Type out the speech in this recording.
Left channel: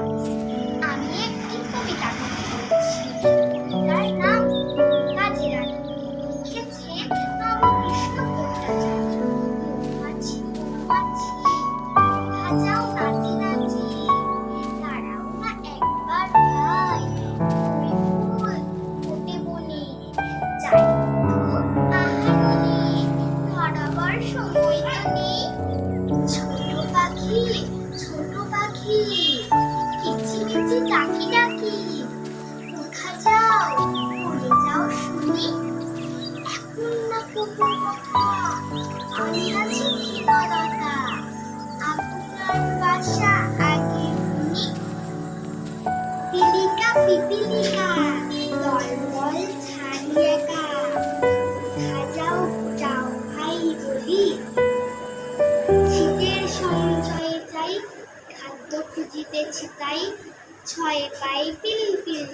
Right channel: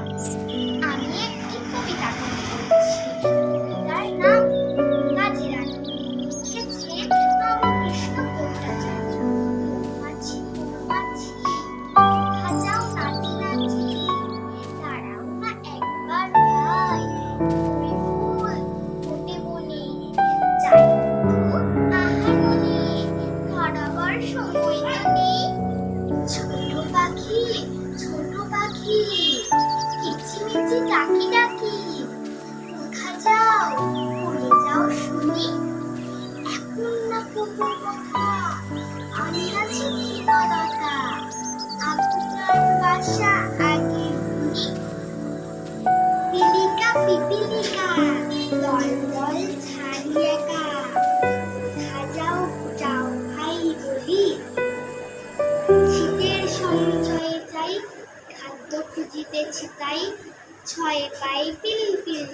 আমি একটি কবিতা বলছি। কবিতার নাম কাজী রানী। লিখেছেন রামকৃষ্ণ ভট্টাচার্য। মৌমাছি মৌমাছি কোথা যাও নাচি নাচি, দাঁড়াও না একবার ভাই, ওই ফুল ফোটে বনে, যাই তো আহারণে, ধরাবার সময় তো নেই। ছোট পাখি কিচিমিচি ডাকি ডাকি, কোথা যাও বলে যাও শুনি। এখন না কুকুর কথা, আমি আছি কিনারাটা, আপনার বাসা আগে শুনি। পিপিলিকা দল দল ছাড়ি একা, কোথা যাও যাও ভাই বলি। শীতের সঞ্চয়ে চাই, খাদ্য খুঁজিতেছি তাই, ছয়ে পাই পিল পিল।